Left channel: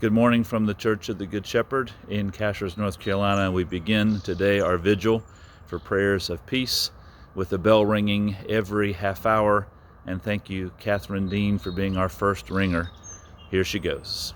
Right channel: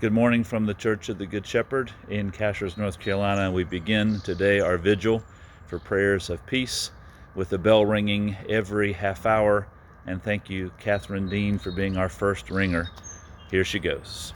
Good morning from the Church of the Good Shepherd in Cashiers, North Carolina. We begin today our vigil for prayers of peace with the bell ringing every half hour. And thank you, Catherine Dean, for being our first ringer. Here she goes.